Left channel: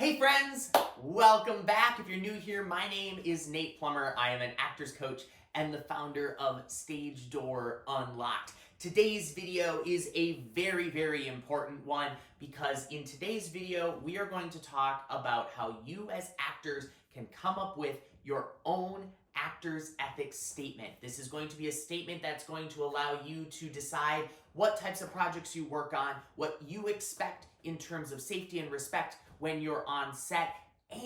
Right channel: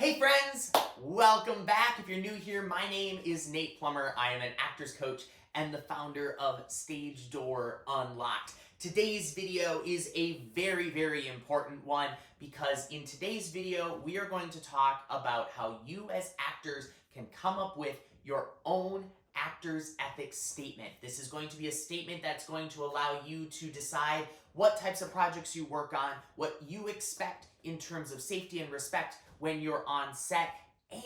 Hey friends, welcome back. If you're new here, my name is Nate Plummer. I am an actors coach and the founder of Stage Door Unlocked. Today's video is a very important one because in today's video, we are going to talk about how you as actors can come up with your own actors ethics statement. This is going to be a statement that's going to allow you to decide what types of projects you work on, what you expect in terms of safety and respect when you're on set,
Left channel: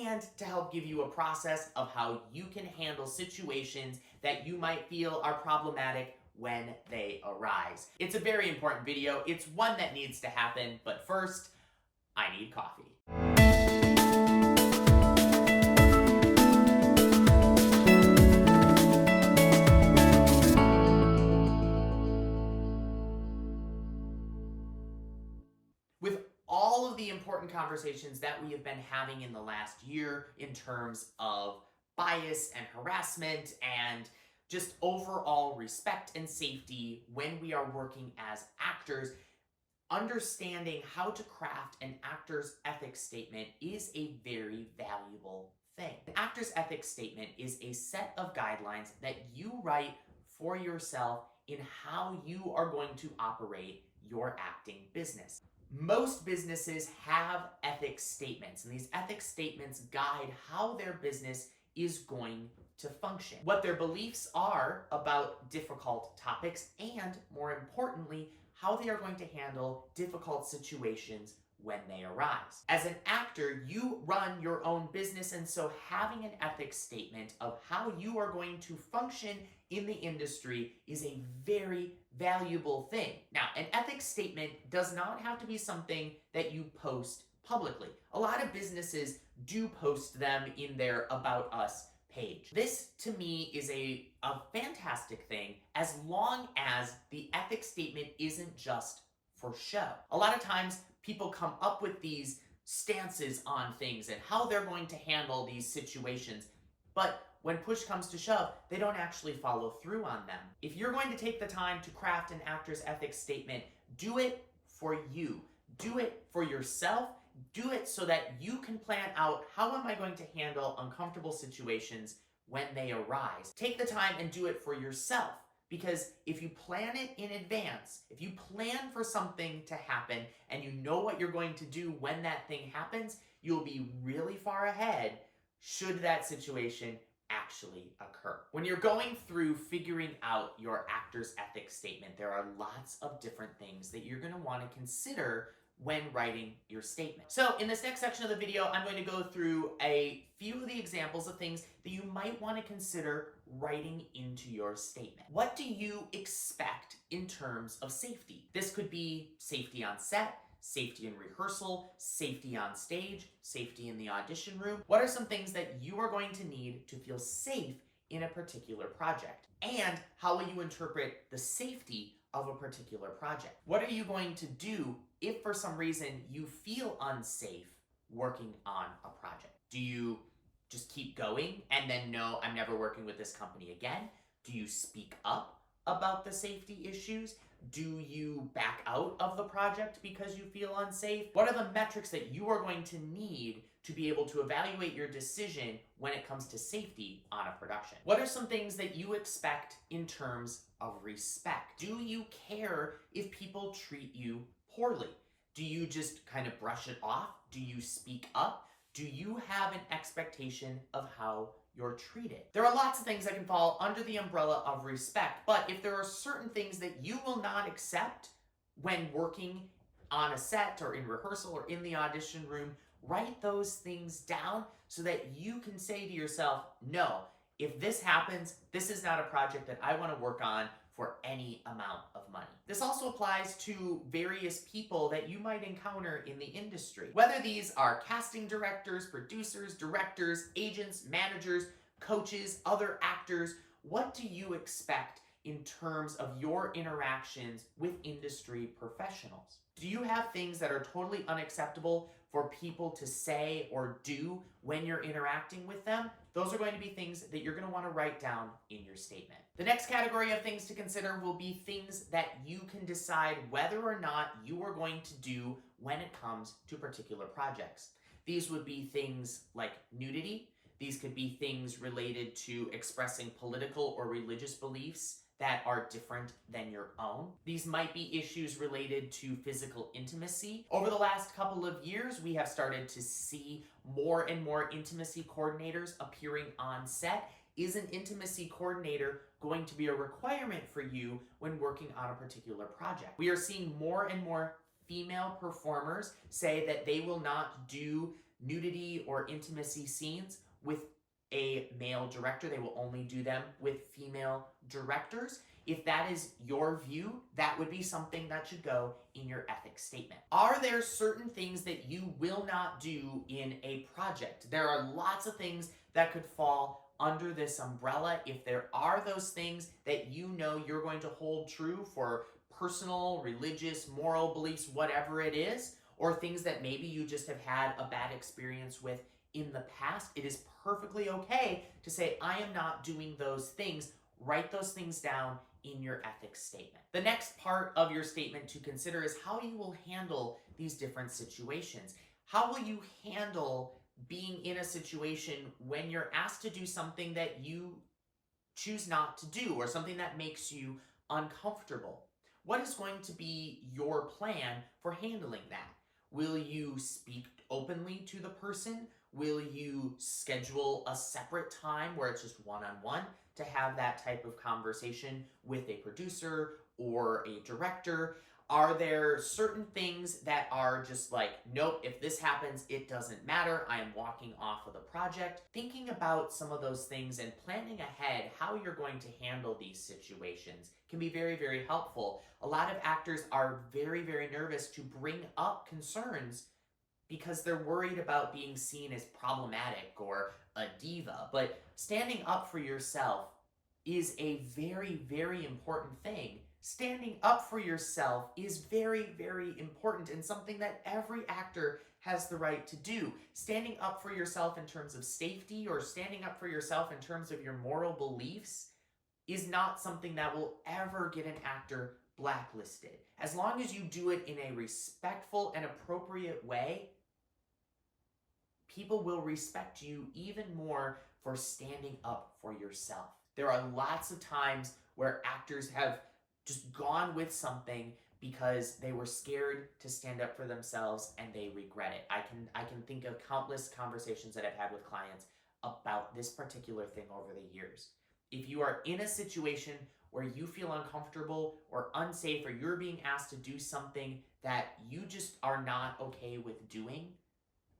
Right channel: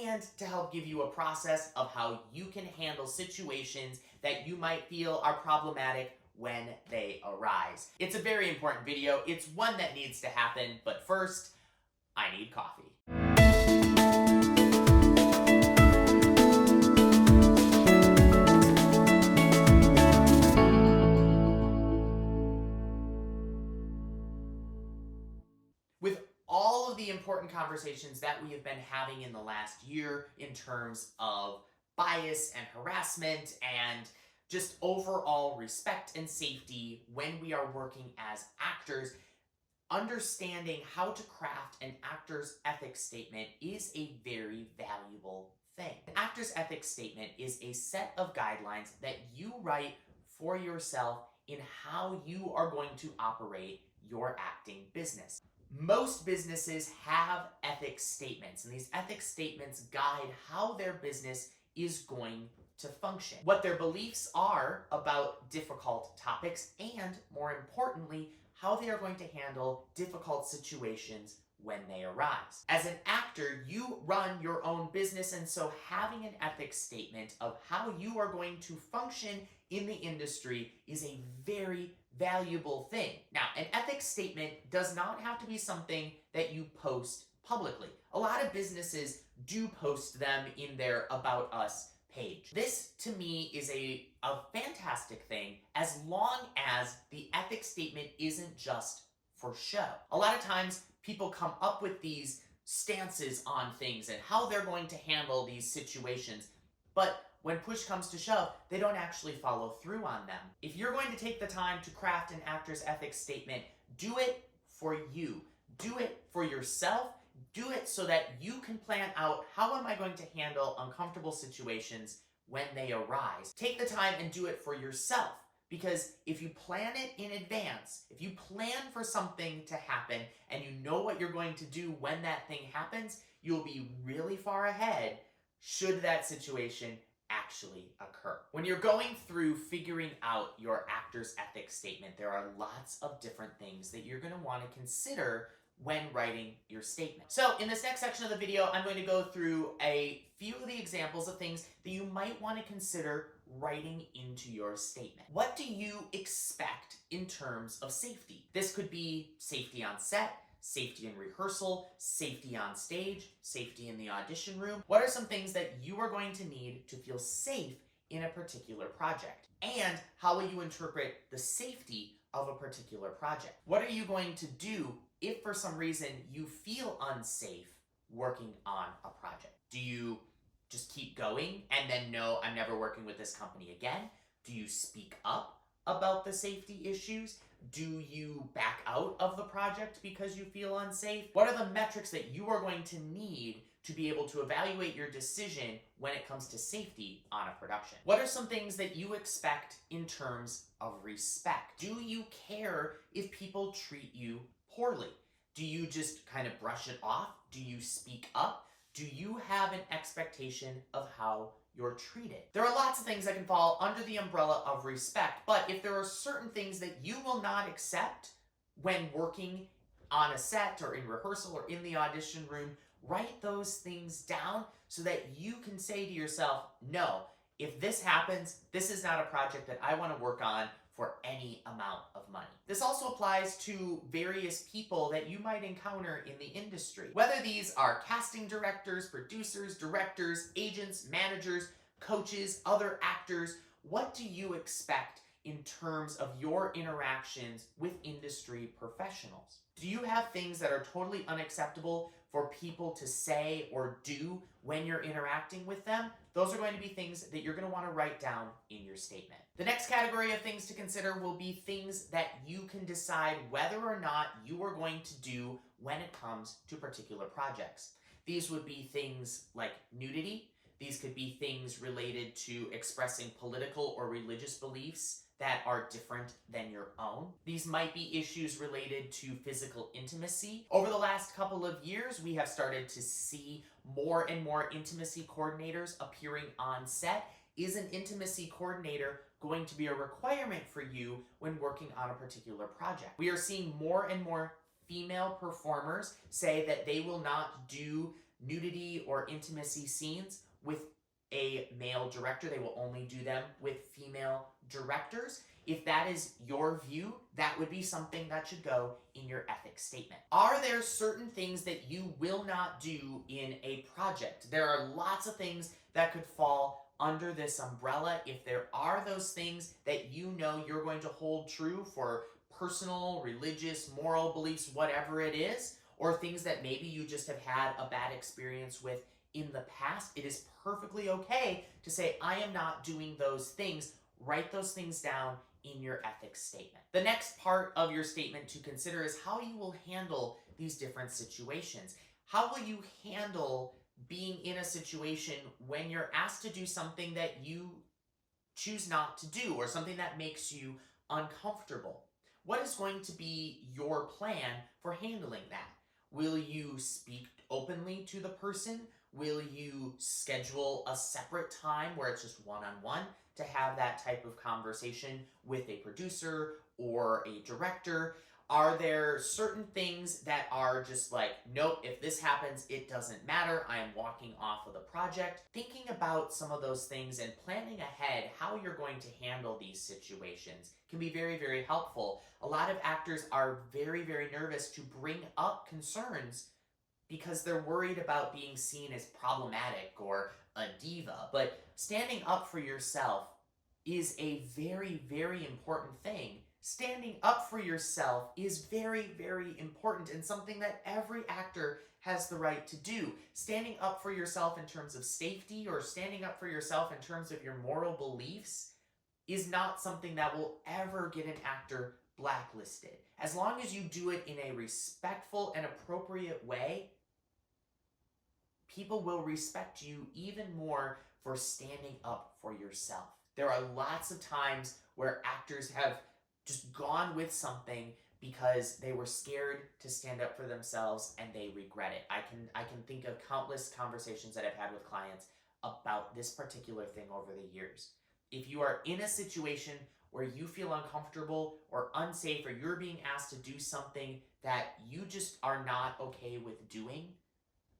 and to help give you a process of how you can handle situations that you might feel are problematic when they arise. It's a very important video. It's one that needs to happen, but first, I need coffee. With all of the important conversations that we have been having in the last year in terms of bias and harassment and just overall respect and safety when we are working as actors, understanding how to craft an actor's ethics statement is a very valuable thing. An actor's ethics statement is a set of guidelines that you write for yourself in how you are going to operate your acting business. Most businesses have ethics statements, and these ethics statements guide how their business is going to function, what their beliefs are about difficult topics, and more importantly, how they are going to handle difficult situations when they arise. As an actor, you run your own business, and so having an ethics statement of how you are going to function in the industry is a very valuable thing. Now, an ethics statement does not have to be something that you post publicly. A lot of businesses do post them in their About Us page. This, to me, is a fantastic thing as long as the ethics statement isn't just for show. A lot of times, people come up with these stances on things and how they're going to handle these situations, but when push comes to shove, they don't actually follow through on them. If you're going to take the time to craft an actor's ethics statement, do it for you. Do it for yourself. Do it so that you can plan out, how am I going to handle uncomfortable situations when they arise? Take the time and do it for yourself. Because if you plan it in advance, if you plan for something to happen and you know what you're going to do when that thing happens, you'll be really far ahead should that situation actually occur. When you're going through figuring out your actor's ethics statement, there are lots of different things that you're going to want to consider when writing your statement. So in this next section of the video, I'm going to go through a few of the examples of things that you might want to consider writing into your statement. What do you expect in terms of safety? This could be safety on set, safety in rehearsal, safety on stage, safety in the audition room. What are some things that you are going to need to feel safe in a particular project? And how will you interpret the safety of a particular project? What are you going to do if for some reason you feel unsafe working on a project? Do you just keep going and then no, I'm never working with this company again? Do you speak up about the safety issues? Do you back out of the project because you feel unsafe? What are the metrics that you are going to need to be able to evaluate your decision when it comes to safety on a production? What are some things that you expect in terms of respect? Do you care if people treat you poorly? Do you just kind of brush it off? Do you speak up? Do you have an expectation of how you're treated? There are lots of things that can fall under the umbrella of respect, but if there are certain things that you will not accept when working on a set or in rehearsal or in the audition room, write those things down so that you can say to yourself, no, if this happens, this is not a project that I want to work on for any amount of money. This also applies to various people that you might encounter in the industry. Whether these are casting directors, producers, directors, agents, managers, coaches, other actors, what do you expect in terms of your interactions with industry professionals? Do you have things that are totally unacceptable for people to say or do when you're interacting with them? Those are going to be things that you're going to want to write down in your statement. The next category of things to consider will be things that you can decide whether or not you are going to do when it comes to particular projects. These would be things like nudity. These could be things related to expressing political or religious beliefs that are different than your own. These might be issues related to physical intimacy. Over the last couple of years, we have started to see more and more intimacy coordinators appearing on set. Is an intimacy coordinator going to be a requirement for you when working on a particular project? We are seeing more and more female performers say that they will not do nudity or intimacy scenes with a male director. They will only do them with female directors. If that is your view, that would be something that should go in your ethics statement. Are there certain things that you will not do in a project? There are lots of things that could fall under this umbrella. If there are those things that you know you're going to hold true for personal, religious, moral beliefs, whatever it is, or things that maybe you just have had a bad experience with in the past, it is perfectly okay to say, I am not doing those things. Write those things down in your ethics statement. The next part of your statement to consider is how you will handle these different situations. How will you handle being in a situation when you're asked to do something that you choose not to do, or something that makes you uncomfortable? What is going to be your plan for handling that? Will you speak openly to the person? Will you schedule a separate time where it's just one-on-one to have that type of conversation with a producer or a director? Are there certain things that are just like, nope, if this happens, it doesn't matter, I am walking off of the project? Thinking about some of those things and planning ahead how you're going to handle these situations can be very, very helpful. A lot of actors are very, very nervous to bring up concerns because they're worried about being seen as problematic or a diva. But standing up for yourself is a very, very important thing. Standing up for yourself is very, very important and something that every actor has the right to do. Standing up for yourself in terms of safety or standing up for yourself in terms of your moral beliefs is not something that will ever get an actor blacklisted. As long as you do it in a respectful and appropriate way, people will respect you even more for standing up for yourself. There are lots of times where actors have just gone with something because they were scared to stand up for themselves and they regret it. I can think of countless conversations that I've had with clients about this particular thing over the years. If you are in a situation where you feel uncomfortable or unsafe, or you're being asked to do something that you just are not okay with doing,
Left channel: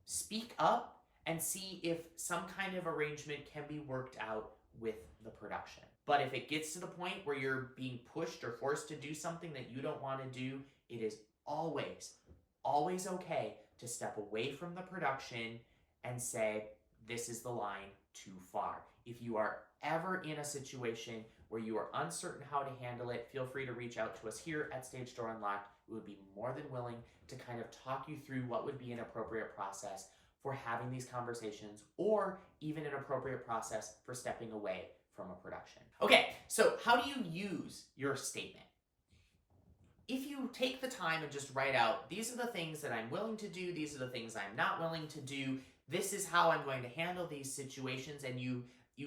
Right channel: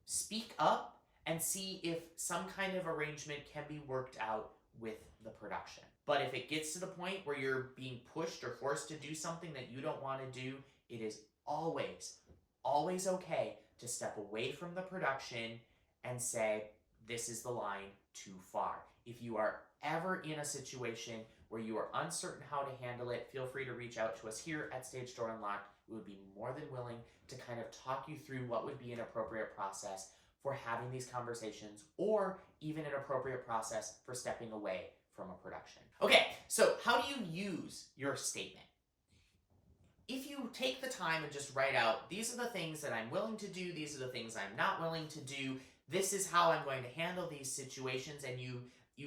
speak up and see if some kind of arrangement can be worked out with the production. But if it gets to the point where you're being pushed or forced to do something that you don't want to do, it is always, always okay to step away from the production and say, this is the line too far. If you are ever in a situation where you are uncertain how to handle it, feel free to reach out to us here at Stage Door Unlocked. We would be more than willing to kind of talk you through what would be an appropriate process for having these conversations, or even an appropriate process for stepping away from a production. Okay, so how do you use your statement? If you take the time and just write out, these are the things that I'm willing to do, these are the things I'm not willing to do, this is how I'm going to handle these situations, and you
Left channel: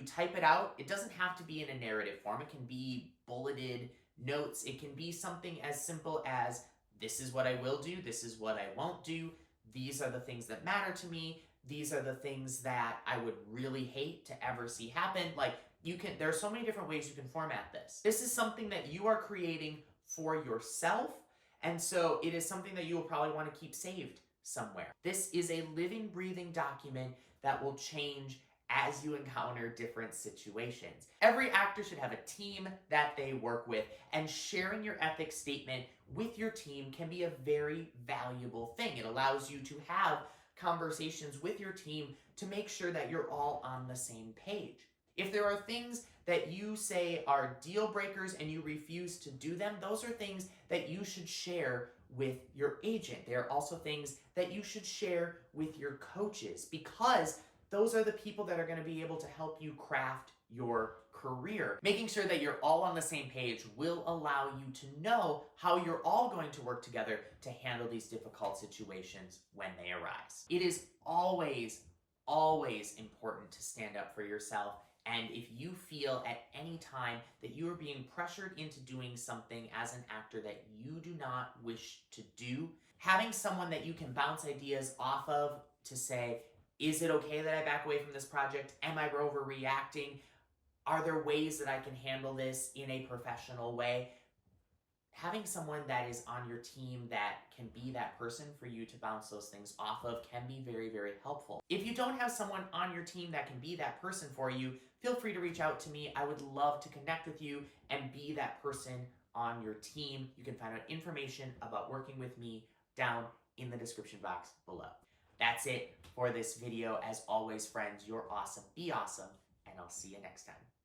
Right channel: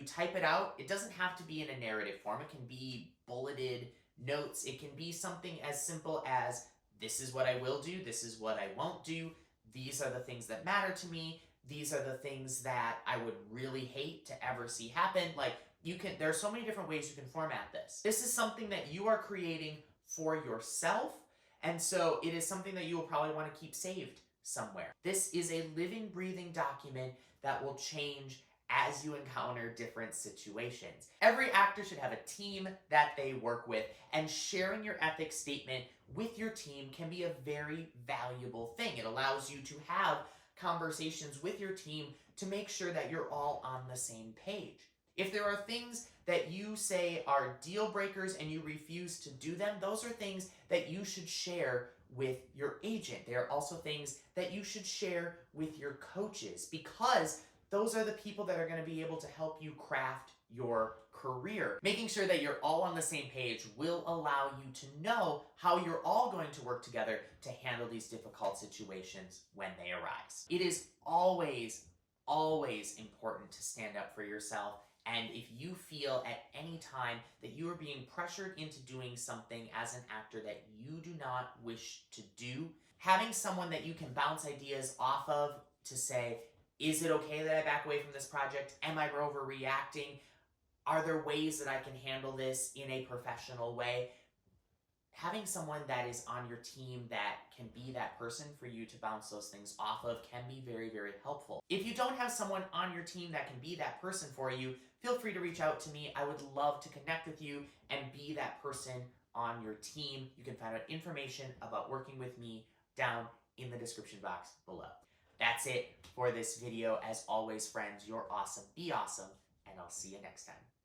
type it out. It doesn't have to be in a narrative form. It can be bulleted notes. It can be something as simple as, this is what I will do, this is what I won't do, these are the things that matter to me, these are the things that I would really hate to ever see happen. Like, there are so many different ways you can format this. This is something that you are creating for yourself, and so it is something that you will probably want to keep saved somewhere. This is a living, breathing document that will change as you encounter different situations. Every actor should have a team that they work with, and sharing your ethics statement with your team can be a very valuable thing. It allows you to have conversations with your team to make sure that you're all on the same page. If there are things that you say are deal breakers and you refuse to do them, those are things that you should share with your agent. They are also things that you should share with your coaches, because those are the people that are going to be able to help you craft your career. Making sure that you're all on the same page will allow you to know how you're all going to work together to handle these difficult situations when they arise. It is always, always important to stand up for yourself. And if you feel at any time that you are being pressured into doing something as an actor that you do not wish to do, having someone that you can bounce ideas off of to say, is it okay that I back away from this project? Am I overreacting? Are there ways that I can handle this in a professional way? Having someone that is on your team that can be that person for you to bounce those things off of can be very, very helpful. If you don't have someone on your team that can be that person for you, feel free to reach out to me. I would love to connect with you and be that person on your team. You can find out information about working with me down in the description box below. That's it for this video. As always, friends, you're awesome. Be awesome, and I'll see you next time.